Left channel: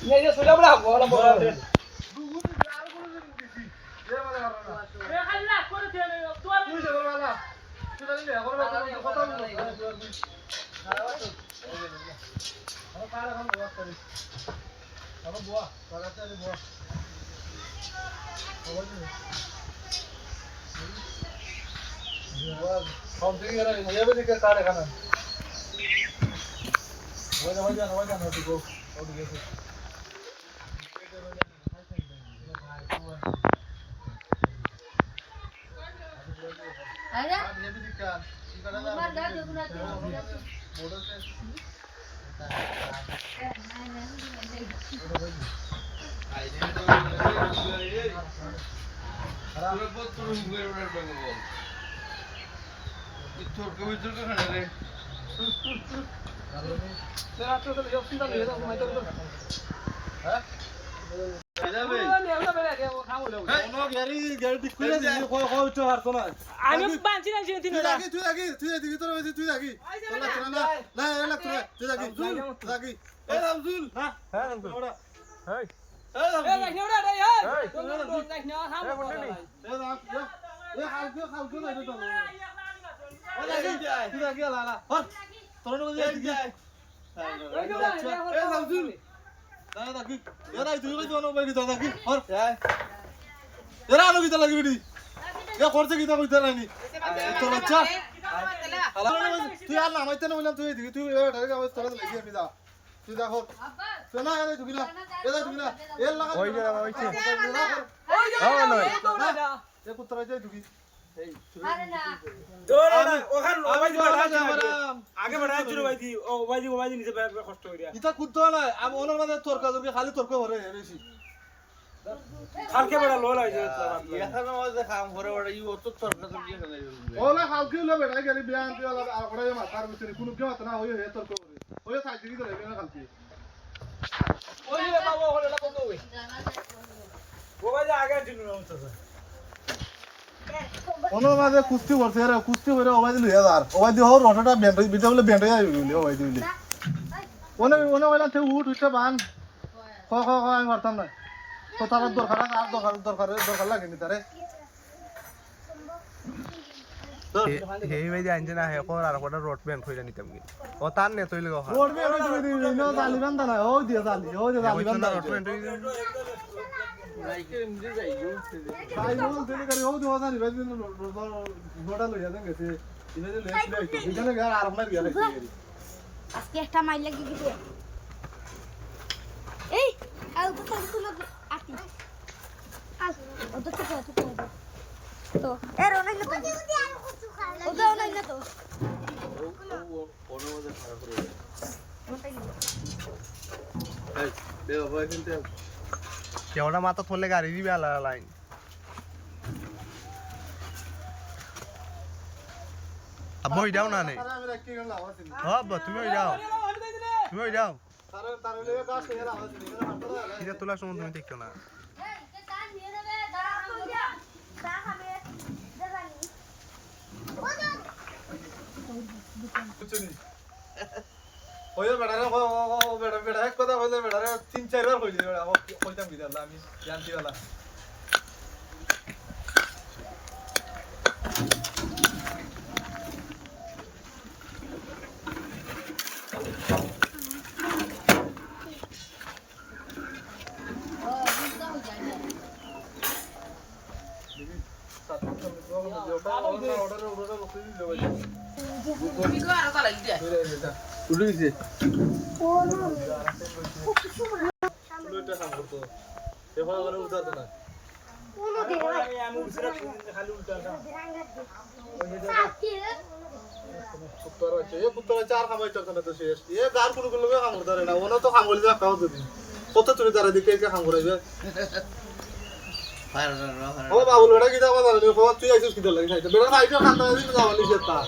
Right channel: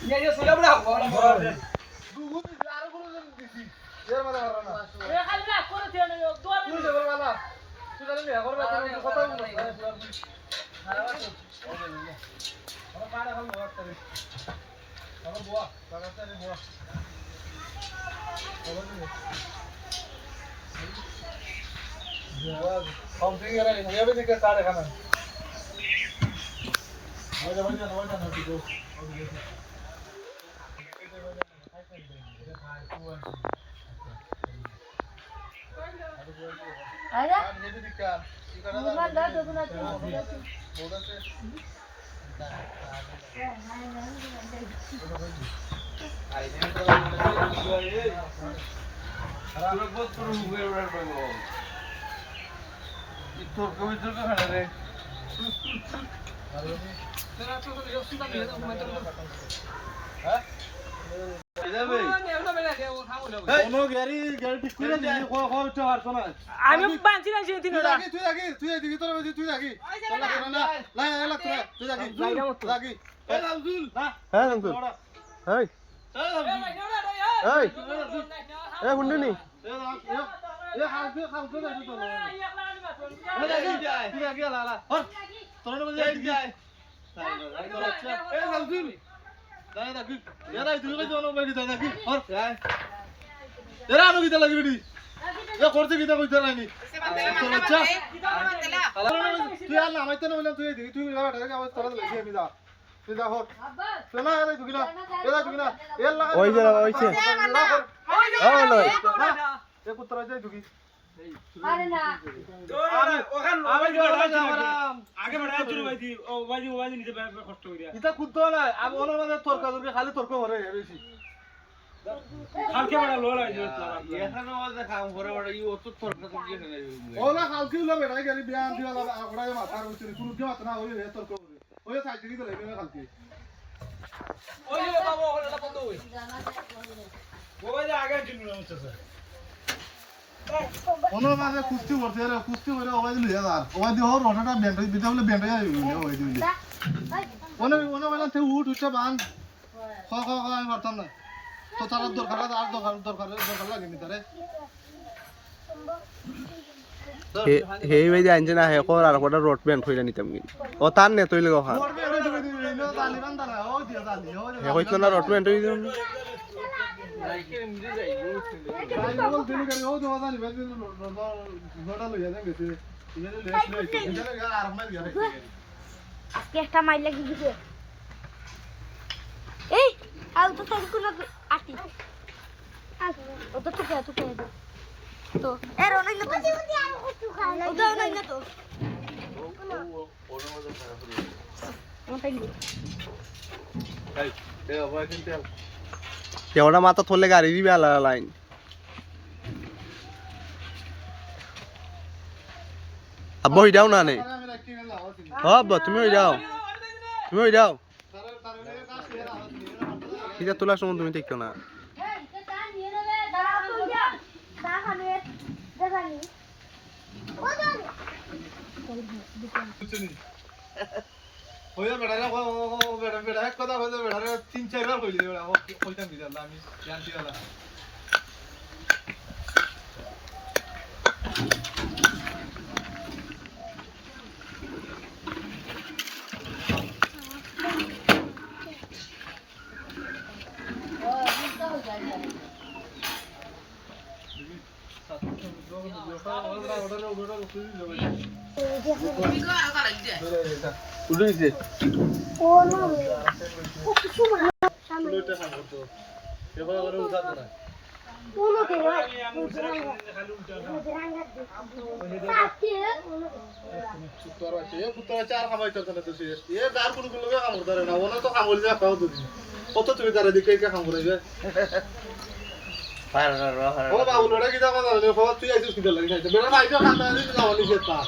ये सोला बड़ा बड़ा बड़ा দুগুণ আর কোনো দিছি এর মাথা মারা না এ খালি না করে দিও না দোয়া তুই দেবর মালা তুই জানি না করবে কথা বল খারাপ তো ওকে না আমার পাড়া খান বাবা করে আমার বুয়া বাগাতে রে বুয়া ওকে দিন বুয়া কম থেকে গেল না যাবে দিকে কাটে খানা ওই যা হতে গো ওদিকে আরে আর নেবে দিকা কি করা মোবাইল দাও দেখুন না बोर्ड से तेरा तो जब सुनता नहीं है मैं तो हां কোনো গাড়ি ঠিক করে দিই কই তো হারতো না আমি বাঁচি না যেদিন ওরা তুই এদিকে তোর তুই দেখি তোলা তোরা না না তোরা তুই দেখি দেখি এ আব্দুল না হ্যাঁ আব্দুল এই এই মুন্ডনি এ খালতো না এটা তো তুই দেখি লালা হর তোরা না দেখি এ আব্দুল দাদা দেখি এরা তুই কই জানো বাকি দাদা দেখি হর এরা আনো কিটা লাগি বিডি এ করতে কিটা কইতে নানি তোর বাচ্চা তুই আর না মাইতে না বললাম তুই দেখি তুই এবার ঢাকা আওয়াজ তোরা লাগি আমি যা তুই যা হর তুই না এরা তুই না এ লাগা ওই যে ওইছে হ্যাঁ নয় এ কুত্রা যাই তুই আরে না আমি আগে বাড়ায় চুরি ভাইদি ও ভাইদি নিচে কষ্ট করিয়া ইতা কুত্ত না আমি ওনার মাঝে তর্কা তর্কি খালি তর্ক করে রইছি খালকে বড় লোল আইছে এখানে ওদের কাম করে ওরা ই অত তর্ক তর্কি এখানে ওলা খালকি উলা বেড়া গেলি বিয়ান দিয়া লা ওড়াই মাথার ভিতরে কোনো কি মাথা না ওই তর্ক করে ওই সাইড দিকে ধরে না খালকি ওই যে বাবা ওখানে বন্ধ হই ও ভাই আগে চুরি না হচ্ছে স্যার ওনার মাঝে কুস্তি করছে এরা কুস্তি করে ওবাই দিল ইয়ার ওবাই দি হর রটাটা বেন্ড বিটা বলে বেন্ড যাই ওবাই দিল ওনে ওলা তে উঠটা বান খ আমি পারতাম না তো তার দরকার লাগেনি তারে হেই ভাই আনছে না হে কর আর কোটা রড ব্যান্ড হইলা নিতাম কি ও তার নে তইলে গো ওর বেড়া তুমি নো জানি বান্দা না ওই দিয়ে জানি ওই যে হইতো না রড ব্যান্ড হই তাই বল দিলে করে ওই দেওয়া জানি ভাই নোটা লইয়া যান গেছে ইমেলে লেস লাইছে এখানে গা আর মার গেছে আজকে একটা মাইল লাগি দিতে এই আল তো সব কোন আটি আল ও তো তুকে তো এর অনেক না তো ও তো অনেক না তো ওর মধ্যে খারাপ করে মোটাই এই দেও ভাই কিন্তু কেওড়া মাথা থলে গাড়ি দিবে আলা লাইন আব্বা হই যাও না নে আমি রাখতে গেলাম আওয়াজ দিন আব্বা তুমি হই যাও তারে লে কাজ করে আওয়াজ দিন এটা তোলা সময় তুমি দেখতো না এই কে তা নিয়ে নেবে দাঁড়া কই যা তা খাবে দেখানি ওই বেড়া না বেড়া এক কথা বলে বেড়া 3-4 বার কইলে বেড়া কইতাম দিলা আমি জানতি वाला উঠে গেছে ও না লইটা কাম করতো এবার করে উঠাতো না কোনো দিন আমি উঠছে খালি উঠা কুত্তার বাচ্চা আর কামাই চলছে না তো শেষ এ গার কোনো কোনো কাম করতে না ওনা তো কাম বলি যা খাও তুমি কত তুমি তারা দিকে কাম করাইবে ও বাবুল ওটা কি দাও না তুই আইছিস কি দল লাগি খাইতে বেড়া খাইতে খান্তা দিতে যাওয়া নিছে তা